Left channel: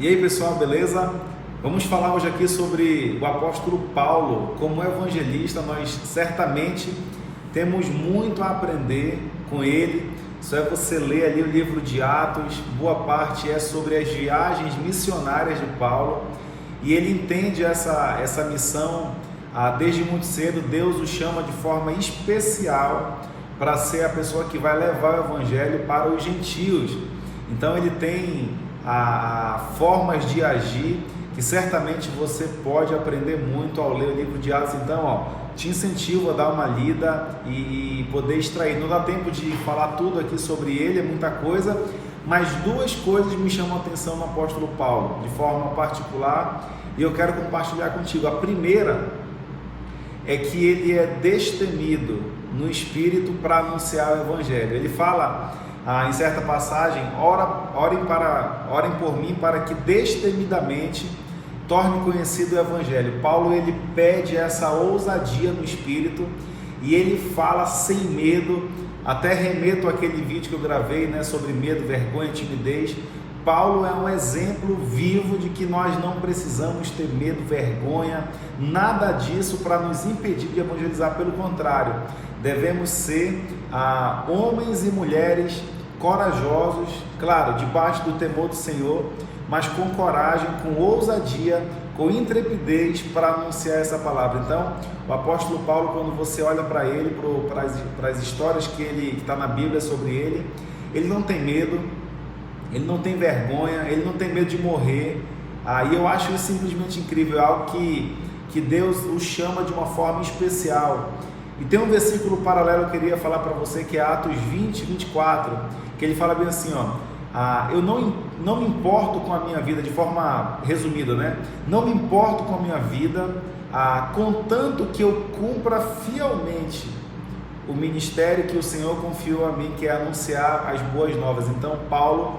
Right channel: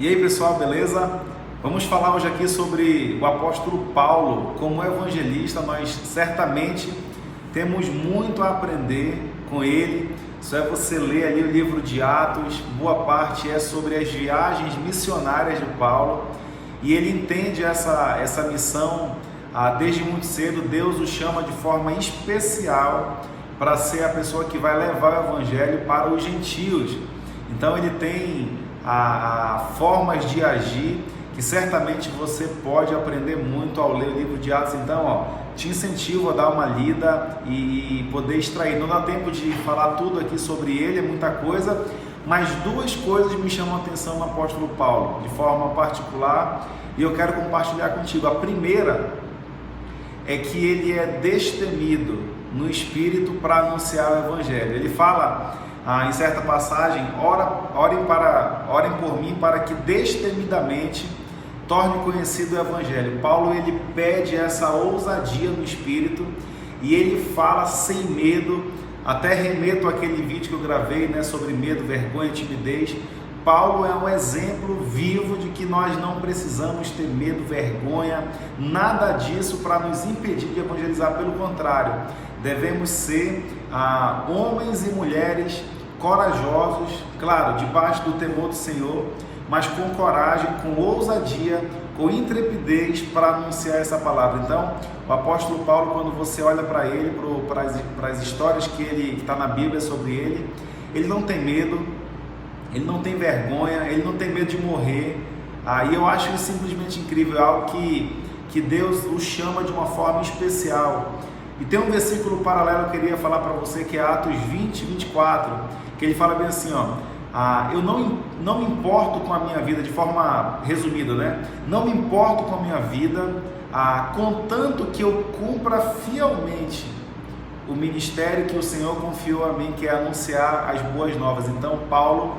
E aí pessoal, beleza? Vamos falar hoje aqui sobre o apóstolo Paulo. Como evangelista, nós certamente temos muito a aprender com ele. Só é você ler ali o livro de Atos, boa parte é sobre as viagens missionárias de Paulo. E ele entende essa missão desde muito cedo. Deus o chama de forma especial para ser a pessoa que vai levar o evangelho para os gentios. Então ele tem formas de agir que certamente você pode aprender muito ao ler o livro de Atos. Então, te incentivo a dar uma lida e poder extrair. Não dá tempo de falar tudo aqui sobre ele, é muita coisa, mas duas coisas me chamam a atenção no apóstolo Paulo, de forma particular, e eu quero compartilhar contigo. A primeira é que ele é destemido no espírito para anunciar o evangelho. Ele fala em certa passagem: orem por mim para que destemidamente torne conhecido o evangelho. Paulo ele pede essa ousadia no espírito e ele fala sem medo. Até remeto àquele vídeo que eu gravei, sobre medo, vergonha, timidez. Paulo é um exemplo vivo de que nós não precisamos ter medo, vergonha, nada disso para nos impedir de evangelizar. Pelo contrário, devemos ser homens e mulheres corajosos, claro, debaixo do temor do Senhor, mas com coragem, com ousadia, com intrepidez para anunciar essa palavra. Então, o apóstolo Paulo, quando você olha para ele, para as histórias que está na Bíblia sobre ele não tem medo, ele não tem vergonha, ele não tem medo de morrer. E eu acho isso simplesmente incrível, é algo que Deus o chama de uma forma especial. E tem um versículo paralelo que eu queria falar para você, que é Atos 20, 24, que ele fala bem assim, eu não me importo com a minha vida, de forma resumida, não me importo com a minha vida, contanto que eu cumpra fielmente o ministério que o Senhor confiou a mim, que é anunciar as boas novas. Então, Paulo,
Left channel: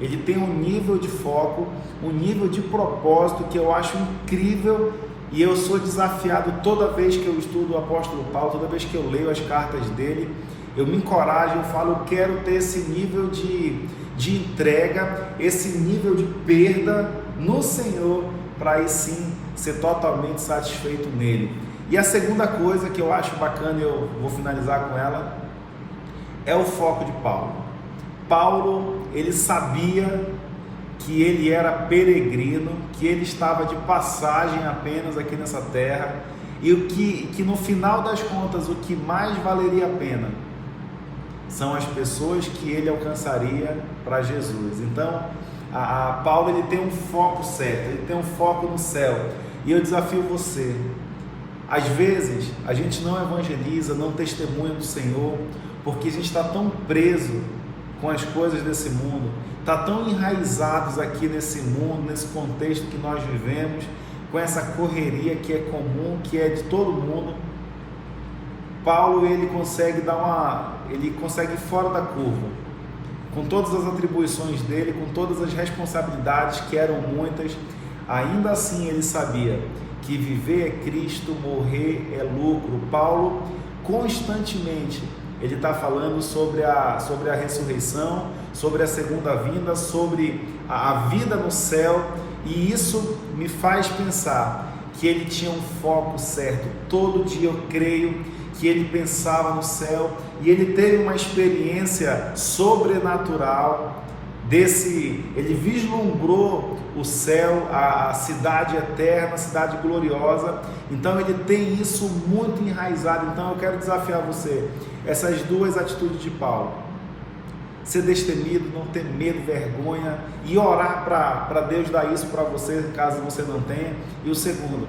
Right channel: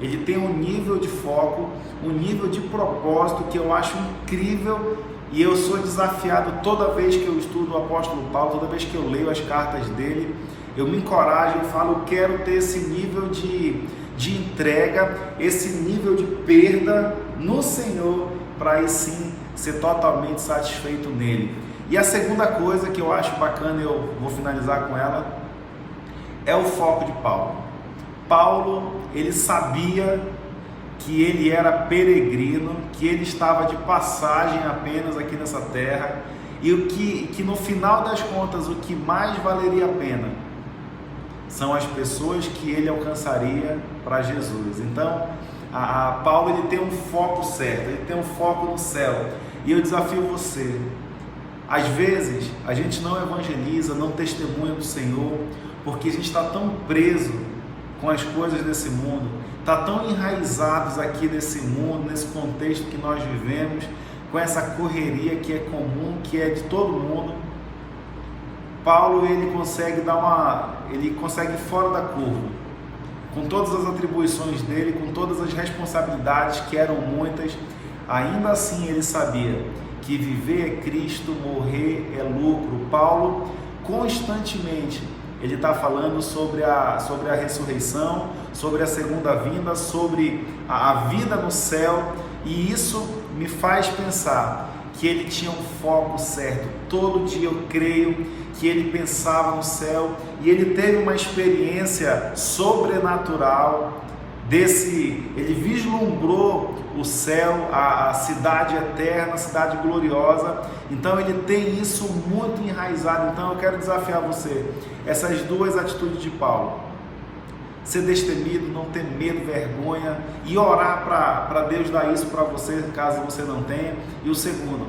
ele tem um nível de foco, um nível de propósito que eu acho incrível. E eu sou desafiado toda vez que eu estudo o apóstolo Paulo, toda vez que eu leio as cartas dele, eu me encorajo, eu falo, eu quero ter esse nível de entrega, esse nível de perda no Senhor, para aí sim ser totalmente satisfeito nele. E a segunda coisa que eu acho bacana, eu vou finalizar com ela, é o foco de Paulo. Paulo, ele sabia que ele era peregrino, que ele estava de passagem apenas aqui nessa terra, e que no final das contas o que mais valeria a pena são as pessoas que ele alcançaria para Jesus. Então, Paulo ele tem um foco certo, ele tem um foco no céu, e eu desafio você. Às vezes a gente não evangeliza, não testemunha do Senhor, porque a gente está tão preso com as coisas desse mundo, está tão enraizados aqui nesse mundo, nesse contexto que nós vivemos, com essa correria que é comum, que é de todo mundo. Paulo ele consegue ir fora da curva, com todas as atribuições dele, com todas as responsabilidades que eram muitas. Ainda assim ele sabia que viver é Cristo, morrer é lucro. Paulo constantemente ele está falando sobre a ressurreição, sobre a segunda vinda, sobre a vida no céu, e isso me faz pensar que ele tinha um foco certo. Todo dia eu creio que ele pensava no céu, e ele teve uma experiência sobrenatural ele vislumbrou o céu, a cidade eterna, a cidade gloriosa. Então ele tem isso muito enraizado. Então eu quero desafiar você, essas duas atitudes de Paulo: ser destemido, não ter medo, vergonha, e orar para Deus dar isso para você, caso você não tenha. E o segundo,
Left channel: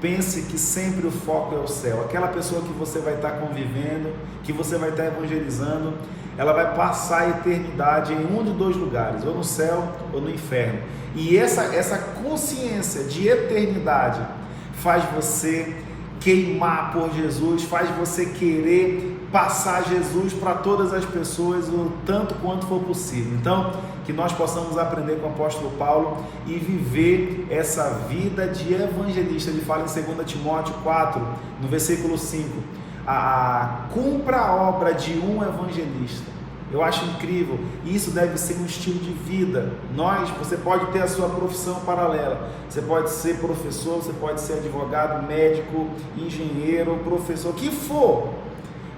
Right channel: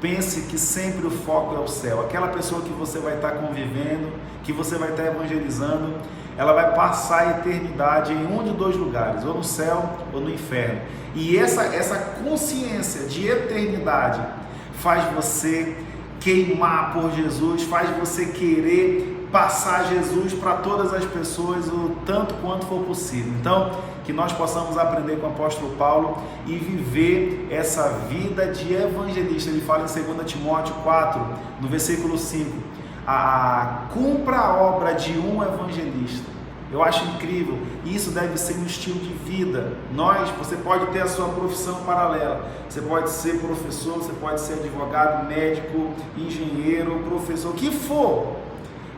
pense que sempre o foco é o céu. Aquela pessoa que você vai estar convivendo, que você vai estar evangelizando, ela vai passar a eternidade em um de dois lugares, ou no céu ou no inferno. E essa consciência de eternidade faz você queimar por Jesus, faz você querer passar Jesus para todas as pessoas o tanto quanto for possível. Então, que nós possamos aprender com o apóstolo Paulo e viver essa vida de evangelista. Ele fala em 2 Timóteo 4, no versículo 5, cumpra a obra de um evangelista. Eu acho incrível. Isso deve ser um estilo de vida. Você pode ter a sua profissão paralela. Você pode ser professor, você pode ser advogado, médico, engenheiro, professor, o que for.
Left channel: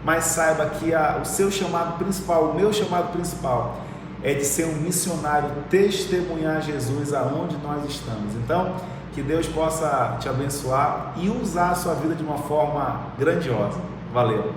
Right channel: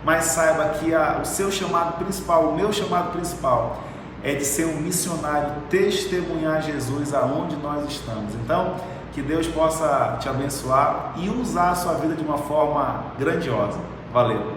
Mas saiba que o seu chamado principal, o meu chamado principal, é de ser um missionário, testemunhar Jesus aonde nós estamos. Então, que Deus possa te abençoar e usar a sua vida de uma forma grandiosa. Valeu!